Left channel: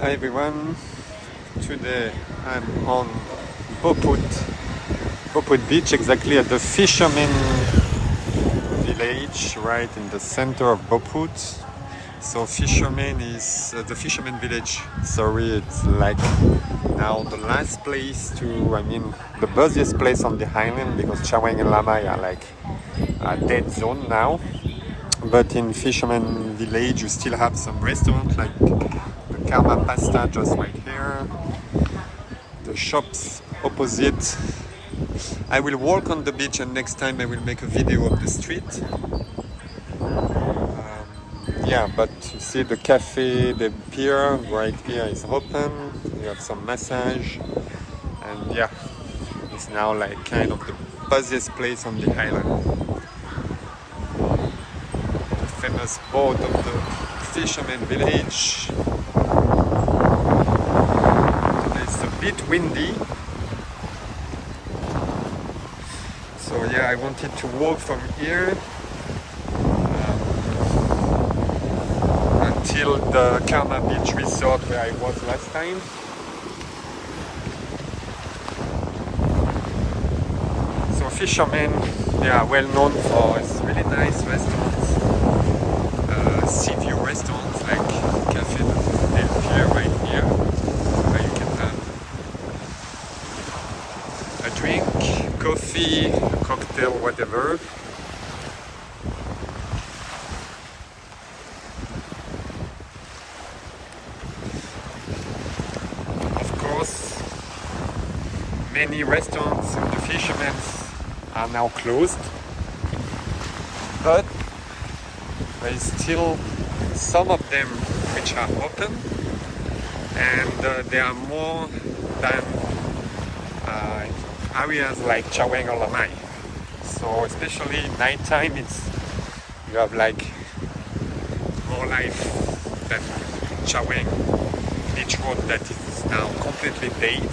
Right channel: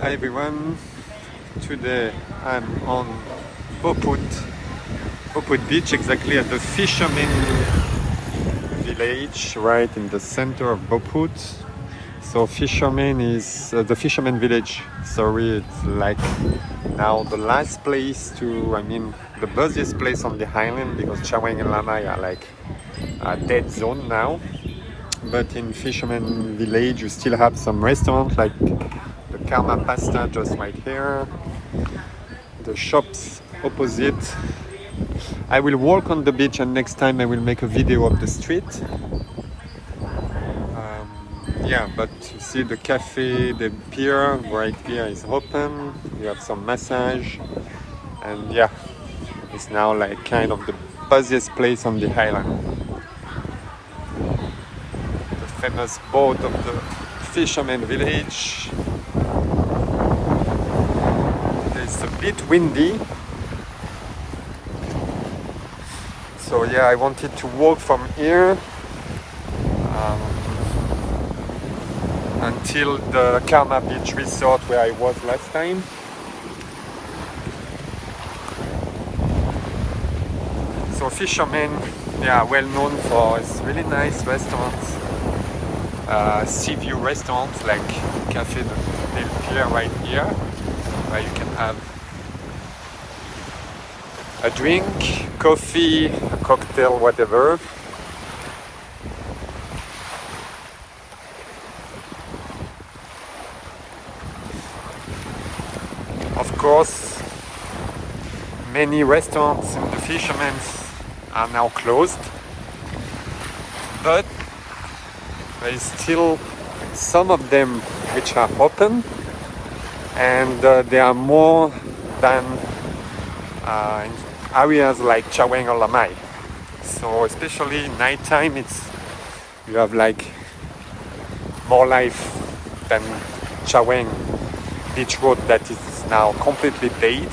Hi everyone, today I'm on Boput Beach, exactly at the fishermen village, right in the center of Boput. So fishermen is the fishermen village, sorry, it's like now the last place the busiest place on the island, because Chaweng and Lamai are like a dead zone now. But in fishermen village you still have some restaurants like the Karma Pasta just right here, the shops opposite. I will walk on the beach and next time I will make a video of the street. Yeah, but you see the cafe, the pier right here is open. You have some massage, and yeah, it's now like kind of the busiest place on the island. The famous boat of the fisherman village. It's a bit windy, so yeah, I wanted to walk from here until the Karma Beach Resort where I was last time. So fishermen, yeah, well known for its really nice restaurants, sea view restaurants like Café Del Pier right here. Where you can have a drink, coffee, a cocktail, whatever. Of course, many restaurants in the fishermen's are now closed, but there is still some of them which are open, and there are more than areas like Chaweng or Lamai. So especially nighttime, you have like more life than Chaweng Beach Road that is now completely dead,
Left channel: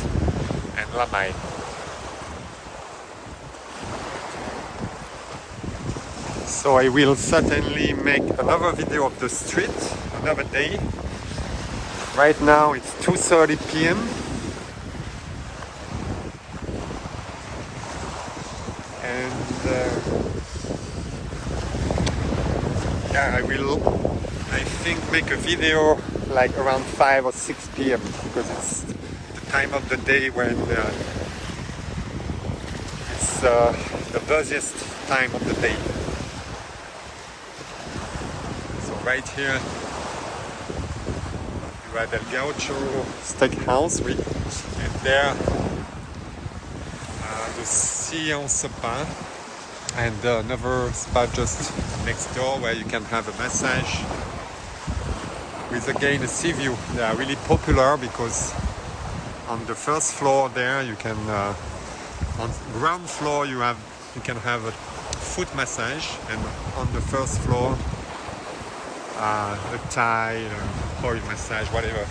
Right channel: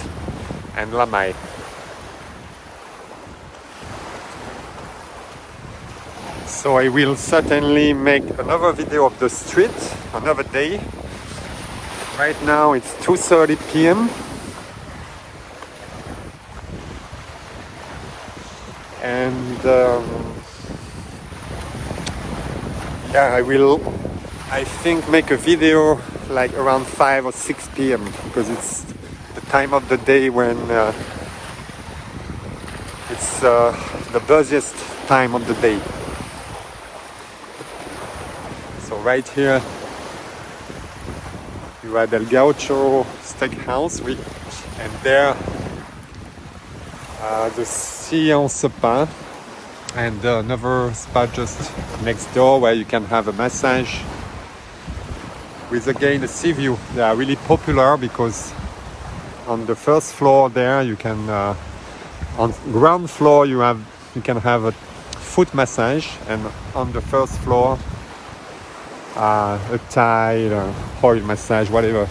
and Lamai. So I will certainly make another video of the street another day. Right now it's 2:30 p.m. and yeah, I think make a video like around 5 or 6 p.m. because it's the time of the day when it's the busiest time of the day. So right here you have El Gaucho Steakhouse, and there the Sillon Spa, and another spa just next door where you can have a massage with again a sea view. They are really popular because on the first floor there you can on ground floor you can have a foot massage, and on the first floor a Thai or oil massage, whatever.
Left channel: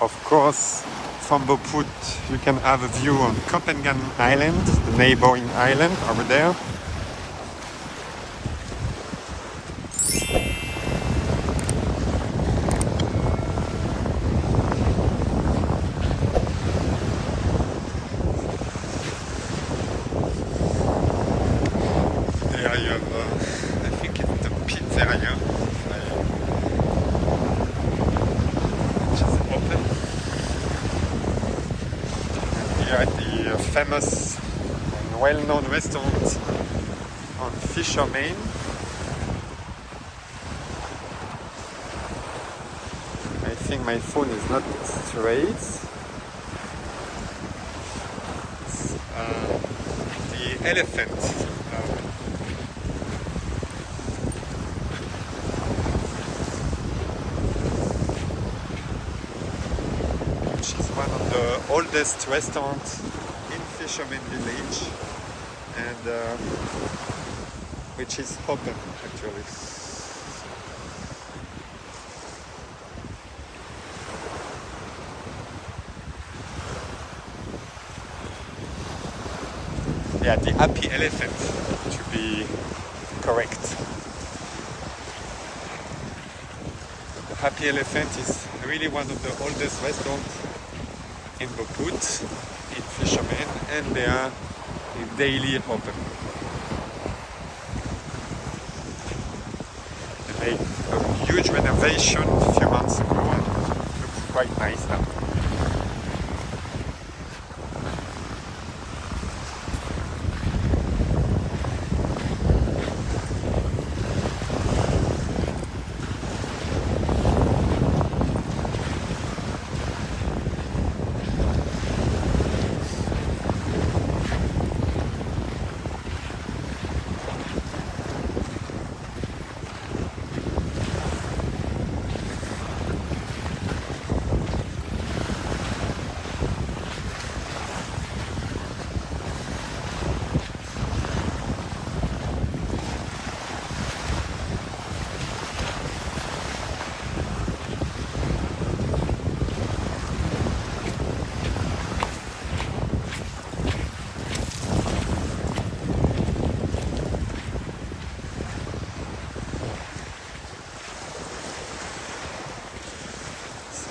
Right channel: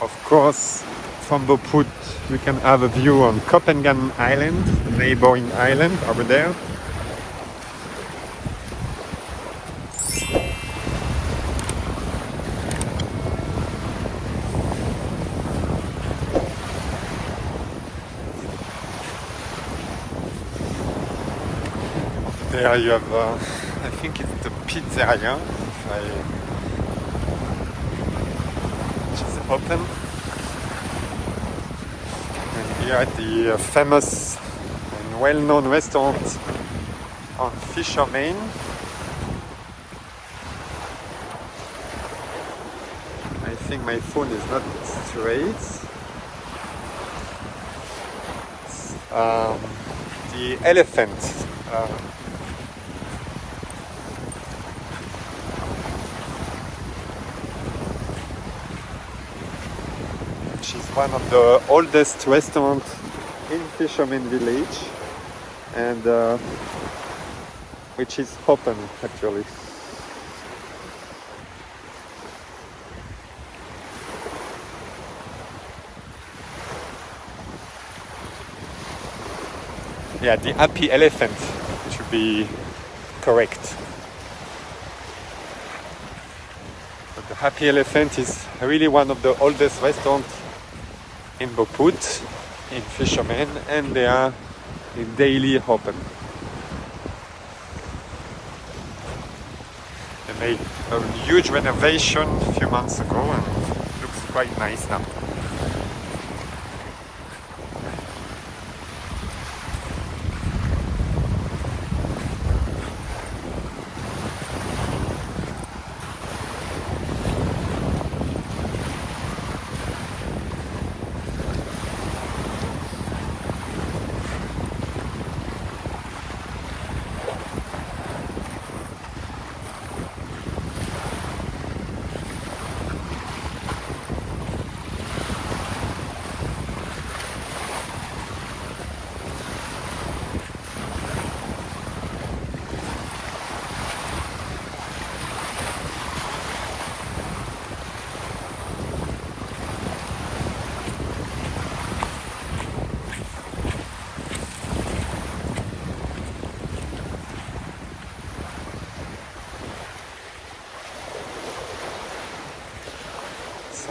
Of course, from Boput you can have a view on Copenhagen Island, the neighboring island over there. There you have, I think it's the pizzeria, which is open. And here the famous, well-known restaurant on Fishermen. I think my phone is not straight. The Elephant. Which is one of the oldest restaurants in Fisherman Village, and which is open actually. Yeah, the Happy Elephant, which you be correct. But the Happy Elephant is really one of the oldest restaurants in Boput, in Fisherman, and they are daily open. They made a huge renovation a few months ago, and it looks quite nice now.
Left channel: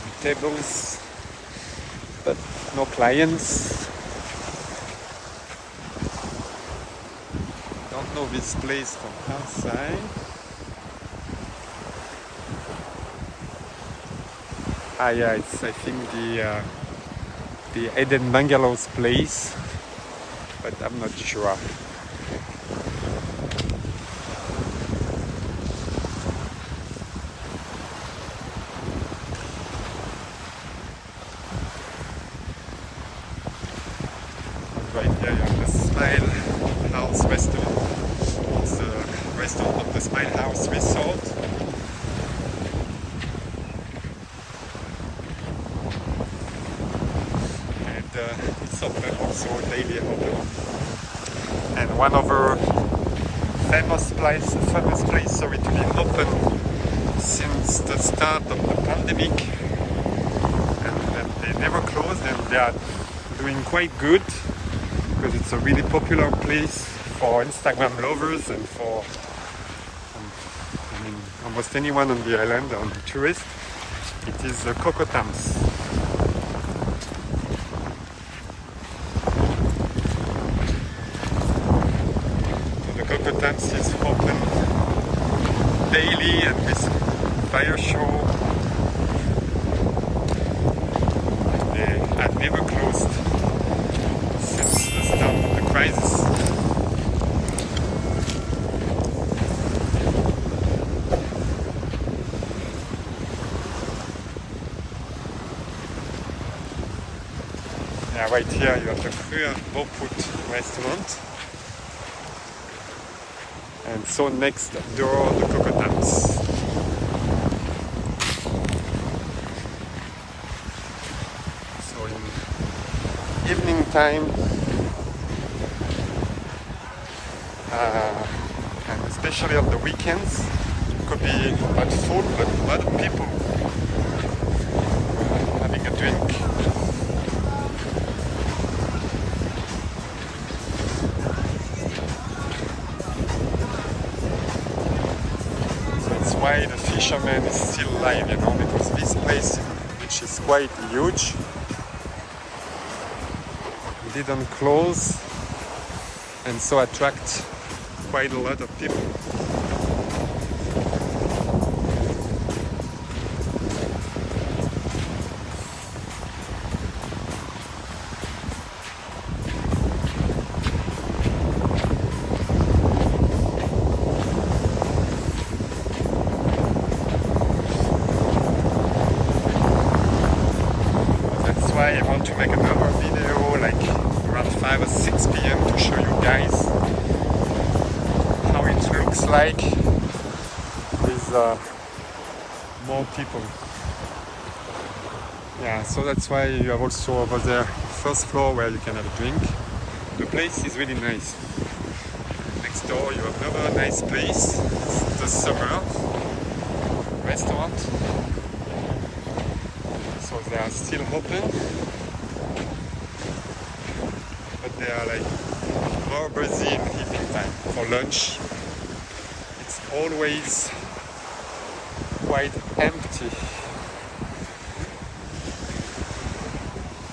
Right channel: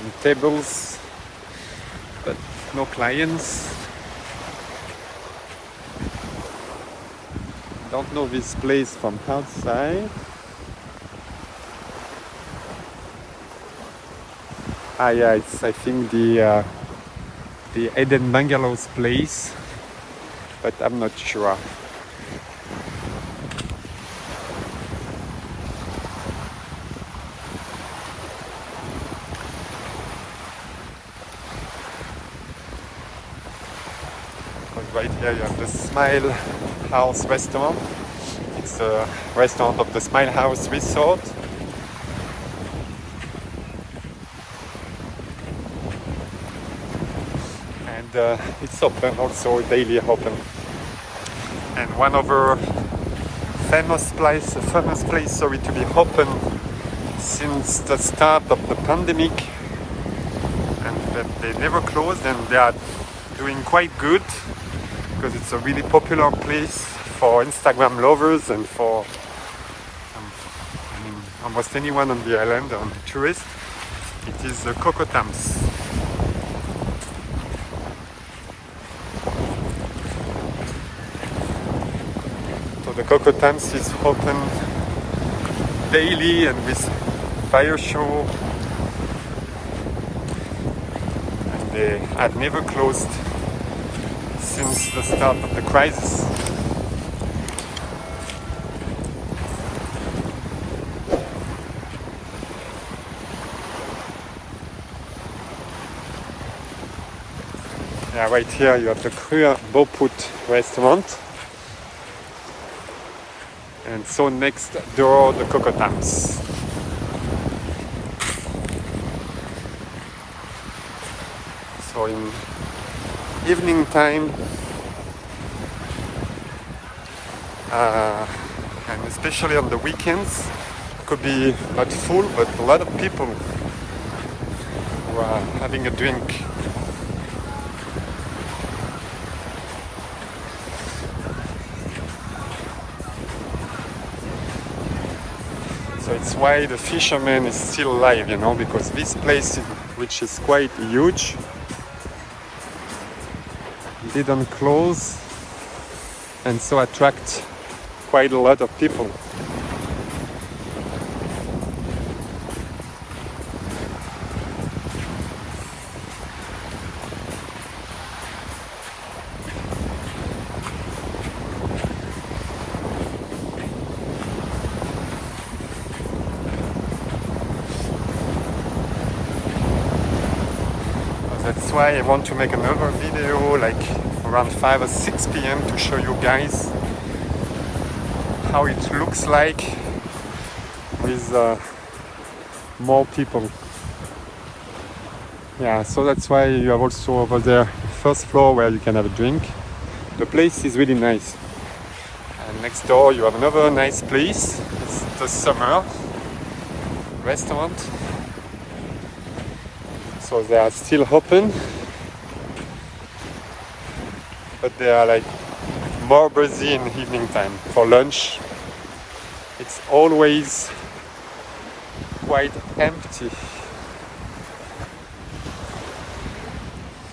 Some tables, but no clients. Don't know this place from outside. Yeah, it's I think the Eden Bungalows place, but I'm not sure. Right here you have the Smile House restaurant. It's a restaurant of the Smile House Resort. And it's open also, daily open. And one other famous place to be open since the start of the pandemic, and they never closed, and they are doing quite good because it's a really popular place for Instagram lovers and for almost anyone on the island, on tourists. It is the Cocotams. So the Cocotams is open daily and with fire show, and they had never closed since the start of the crisis. Yeah, right here you have the Früher Boput restaurant, and so next door the Cocotams. So in evening time, and especially on the weekends, it could be at full, but a lot of people who are having a drink. That's why the Fisherman is still alive, because this place, which is quite huge, didn't close, and so attract quite a lot of people. That's why I want to make another video like around 5 or 6 p.m. to show you guys how it looks like with more people. Yeah, so that's why you have also over there first floor where you can have a drink. The place is really nice. And next door you have another nice place. It's the Summer restaurant. So they are still open, but they are like more busy in evening time. For lunch, it's always quite empty.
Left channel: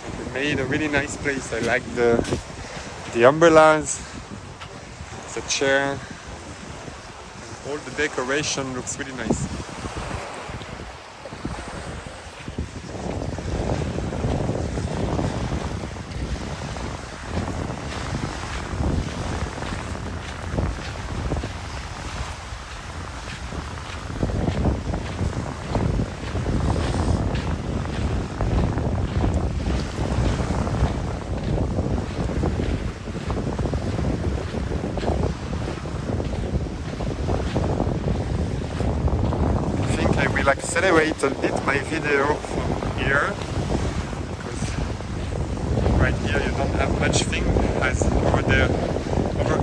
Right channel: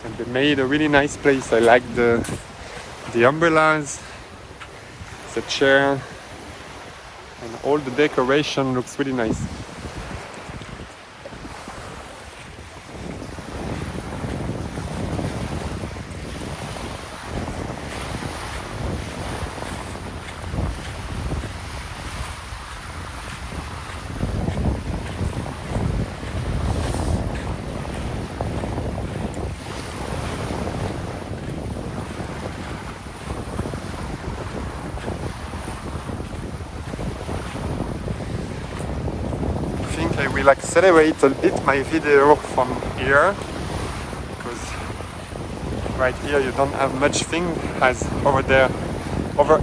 And they made a really nice place. I like the umbrellas, the chair, and all the decoration looks really nice. I think I will accelerate a bit my video from here, because right here you don't have much thing, as over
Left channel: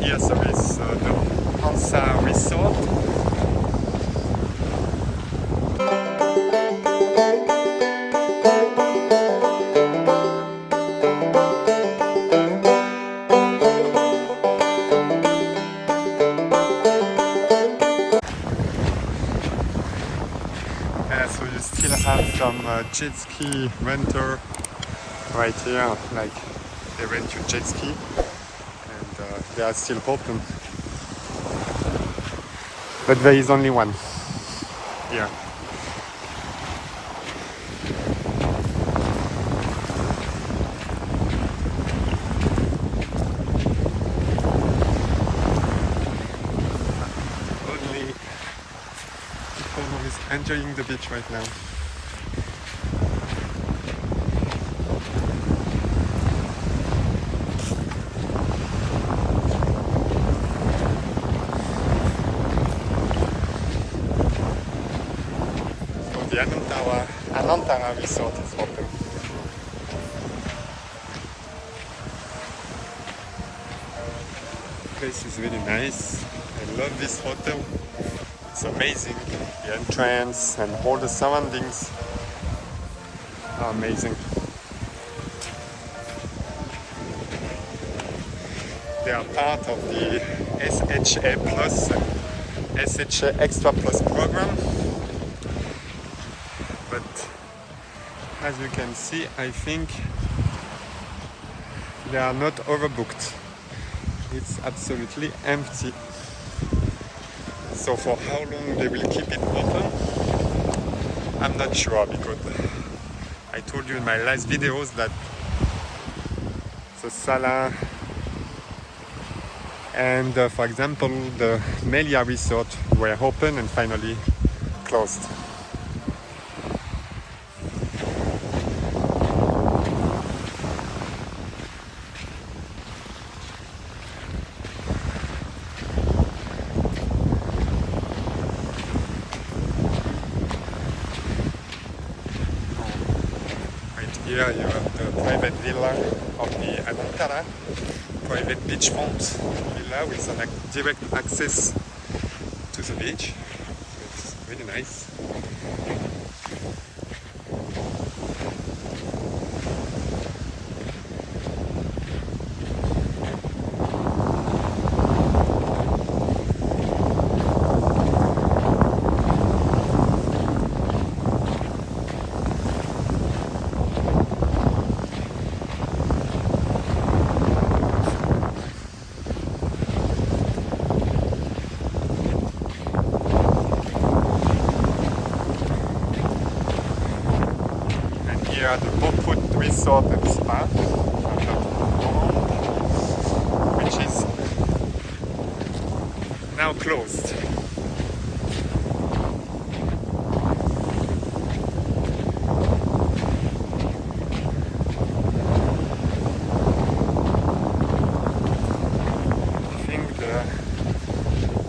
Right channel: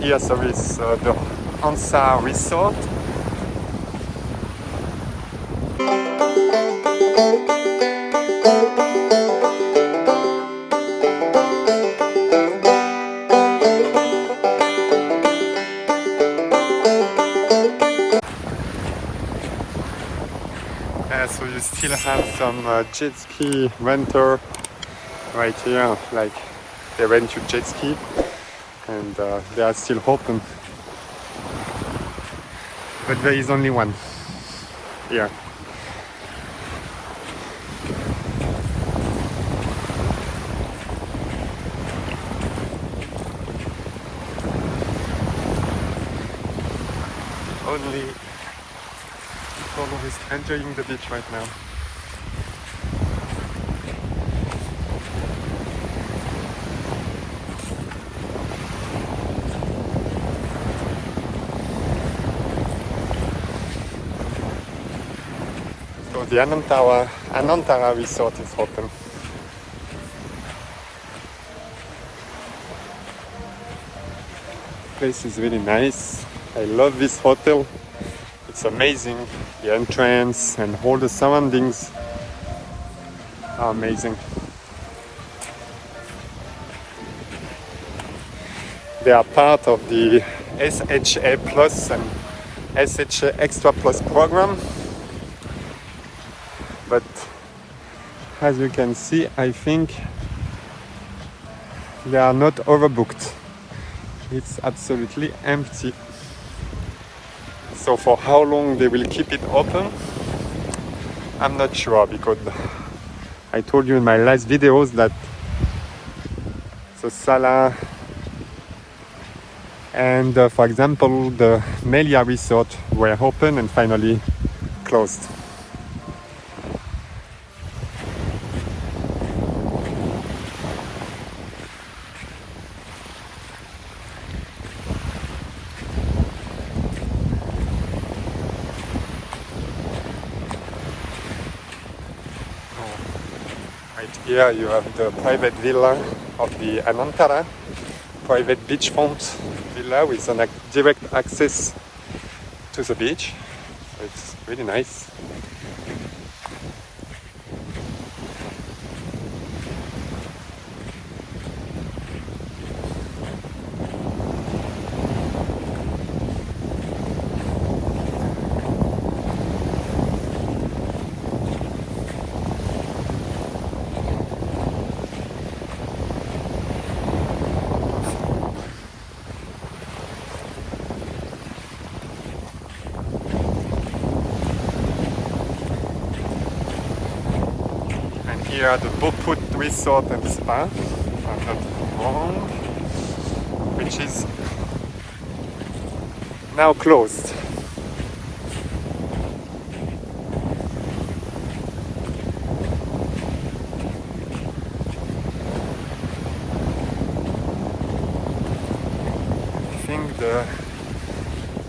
here so is the Hansa Resort. So you still have some jet ski renter right here, like they rent you jet ski, and they are still open. But there is only one here. Only Polo is enjoying the beach right now. So the Anantara Resort is open. The place is really nice. I love this hotel. It's amazing. The entrance and all the surroundings are amazing. They are part of the SHA Plus and SHA Extra Plus program. But as you can see, I think they are not overbooked. It's absolutely empty. So for how long they will keep it open, I'm not sure, because I told you in my last videos that the Sala and for example the Melia Resort were open and finally closed. Right here you have the private villa of the Anantara, private beachfront villa with an direct access to the beach. It's really nice. Here the Boput Resort and Spa, which is now closed. I think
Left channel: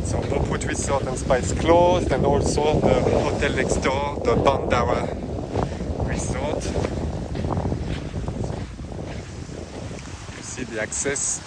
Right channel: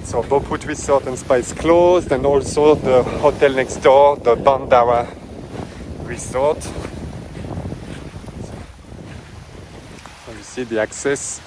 so Boput Resort and Spa is closed, and also the hotel next door, the Bandara Resort. You see the access.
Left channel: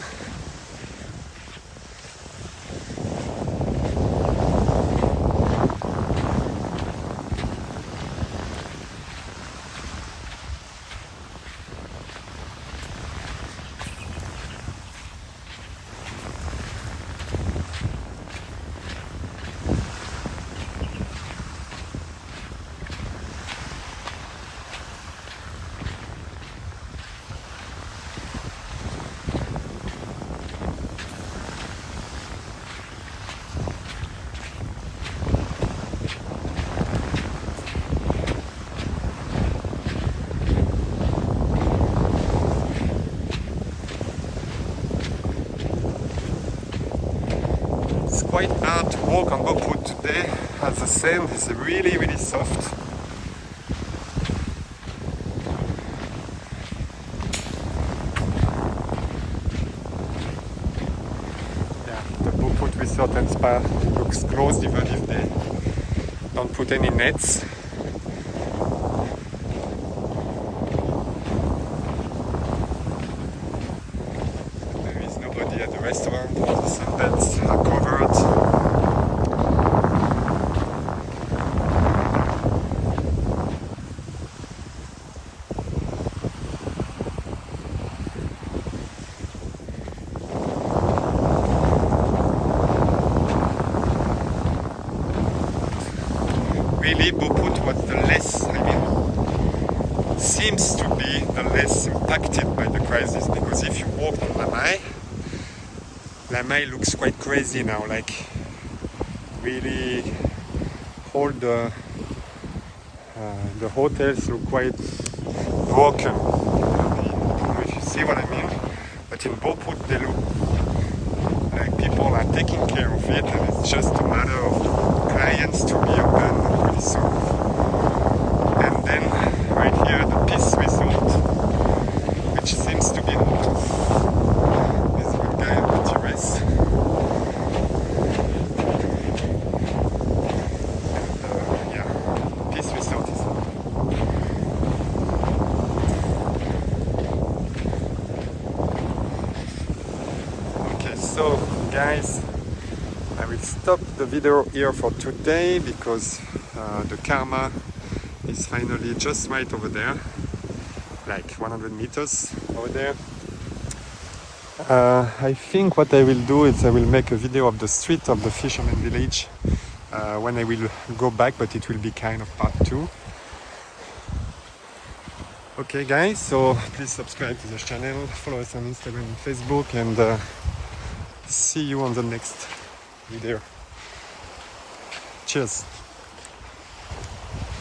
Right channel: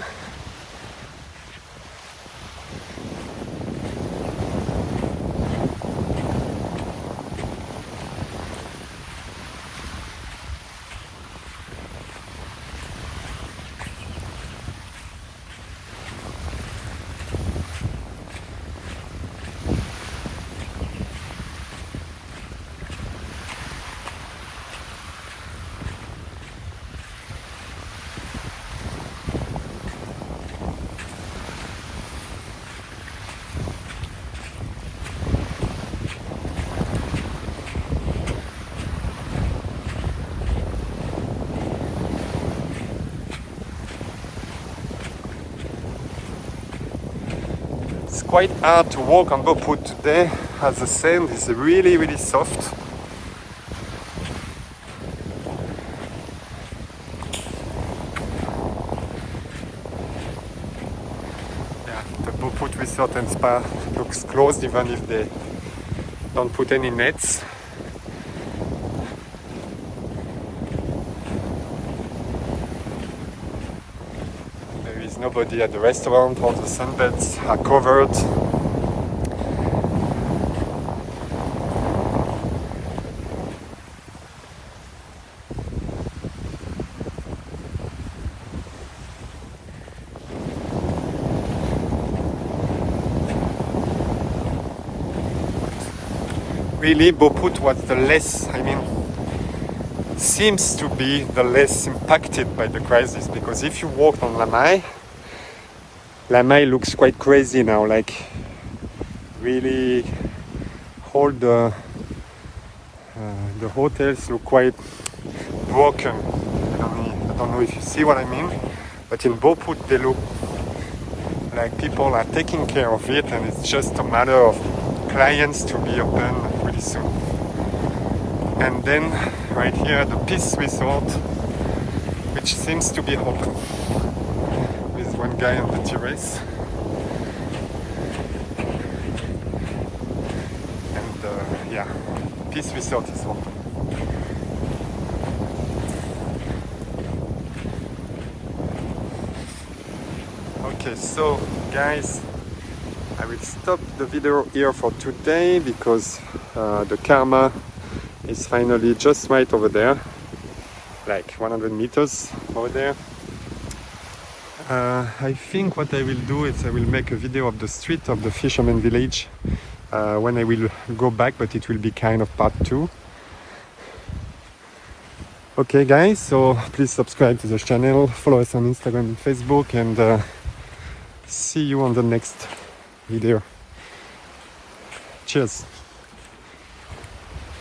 quite hard to walk on Boput today as the sand is really soft. Yeah, the Boput Resort and Spa looks closed even if they don't put any nets. There is nobody at the restaurant, all the sunbeds are covered. Really, Boput was the less, seems to be the less impacted by the crisis, because if you walk on Lamai looks quite crazy now, like really all the hotels look quite broken. I don't know if you see what I mean, but in Boput they look like people are taking care of it, and it's just a matter of clients to be open pretty soon. And then right here the Peace Resort, which seems to be open. There's one guy on the terrace, and yeah, Peace Resort is open. Okay, so guys, I will stop the video here for today because the Karma is finally just right over there, like 100 meters over there. I think what I will do is I will make a video of the street of the fisherman village when I will go back, but it will be kind of part 2. Okay guys, so please subscribe to the channel, follow us on Instagram and Facebook, and see you on the next video. Cheers.